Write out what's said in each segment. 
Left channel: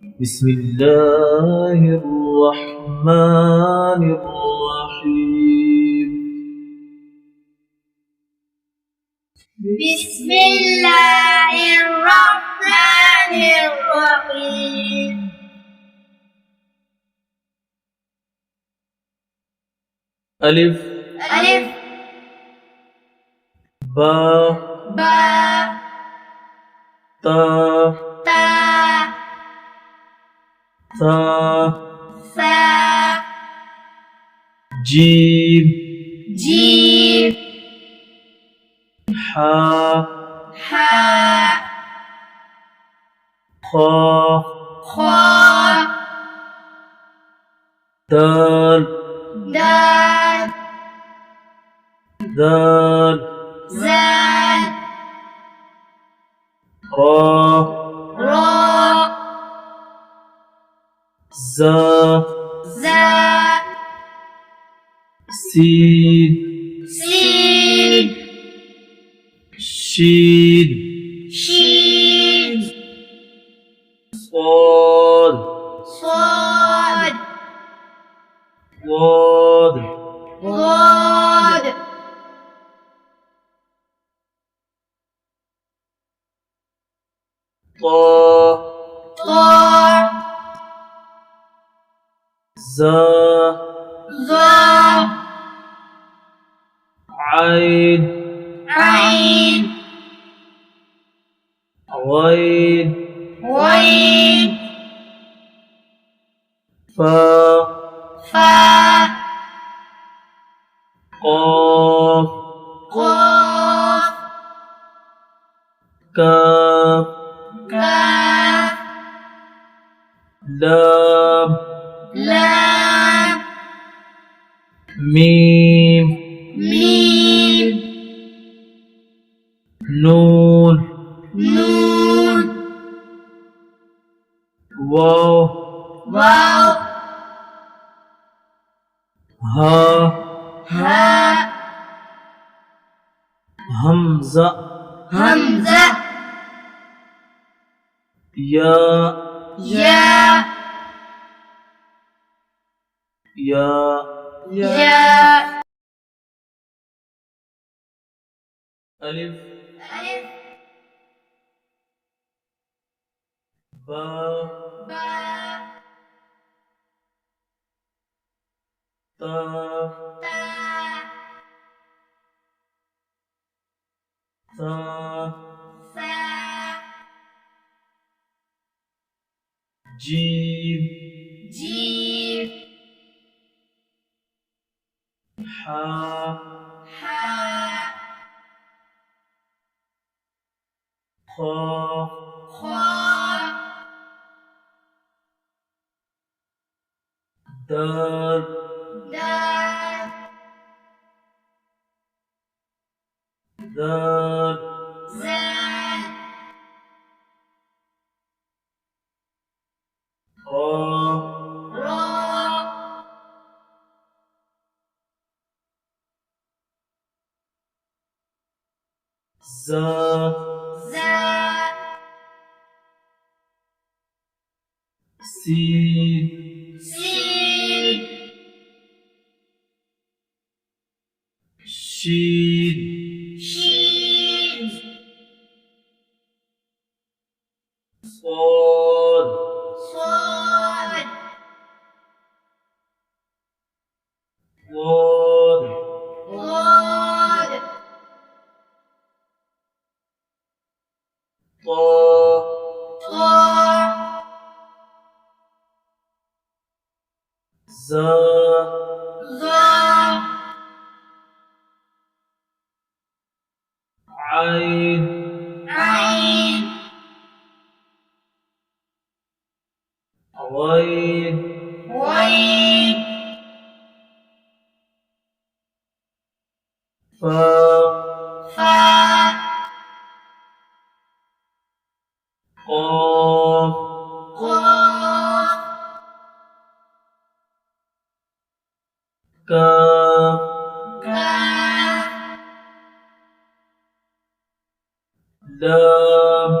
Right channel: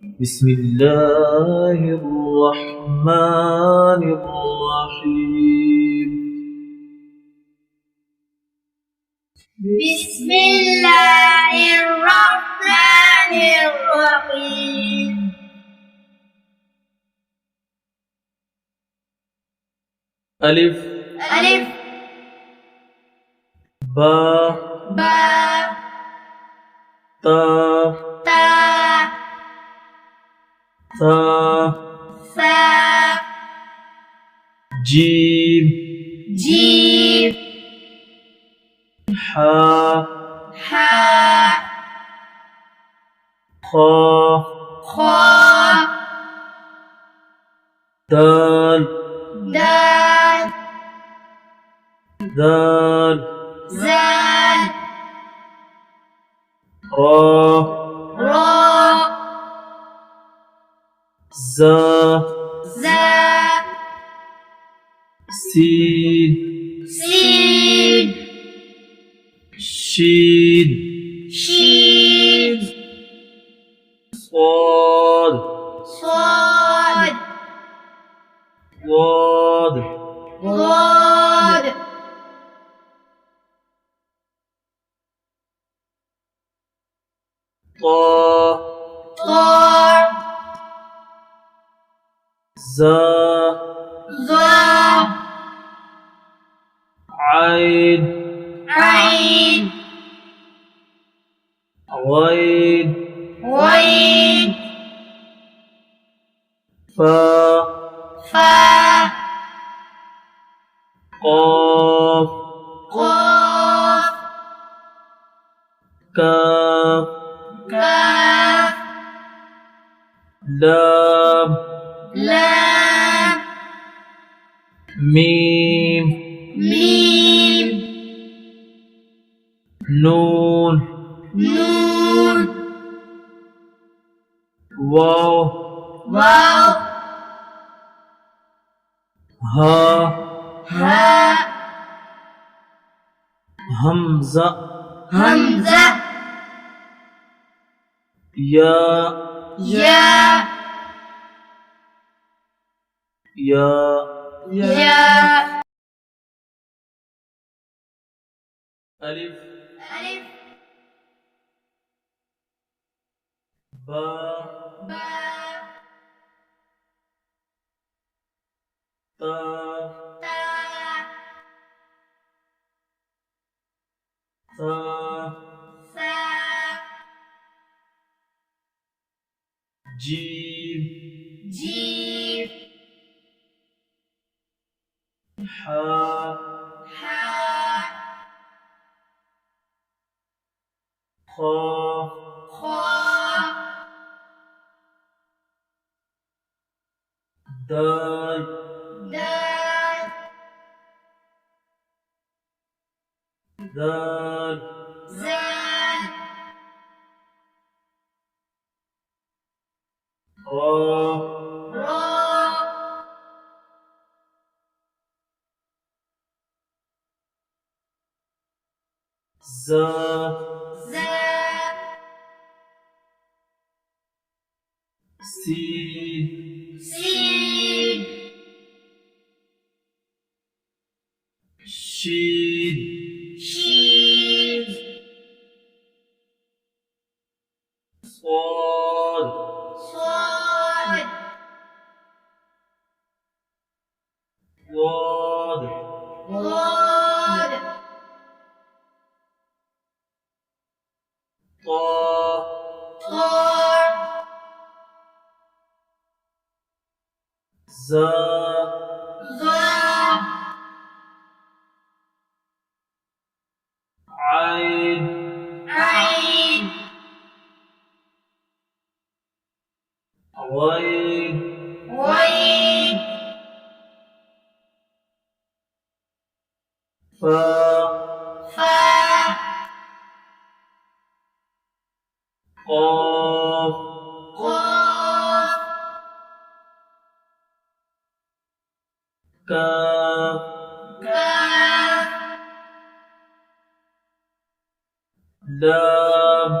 بسم الله الرحمن الرحيم. بسم الله الرحمن الرحيم. ألف ألف با با تا تا ثا ثا جيم جيم حا حا خا خا دال دال ذال زال را را زا زا سين سين شين شين صاد صاد ضاد ضاد طا طا زا ظا عين عين غين غين فا فا قاف قاف كاف كاف لام لام ميم ميم نون نون واو واو ها ها همزة همزة يا يا يا يا ألف ألف با با تا تا ثا ثا جيم جيم حا حا خا خا دال دال ذال زال را را زا زا سين سين شين شين صاد صاد ضاد ضاد طا طا زا ظا عين عين غين غين فا فا قاف قاف كاف كاف لام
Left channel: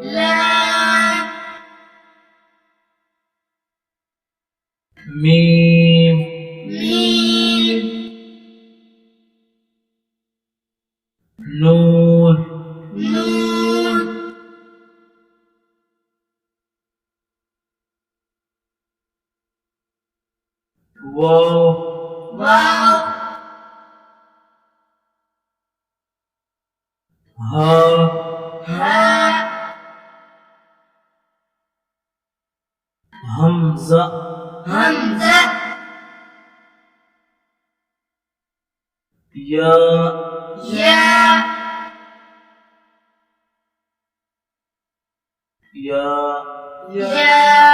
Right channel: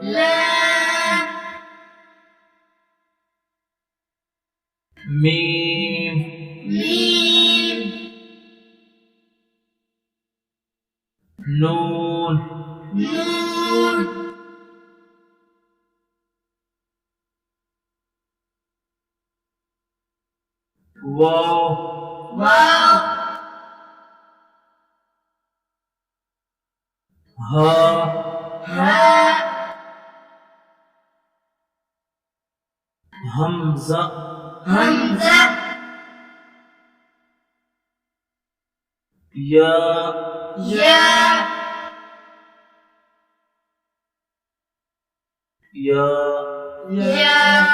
لام ميم ميم نون نون واو واو ها هاء همزة همزة يا ياء يا ياء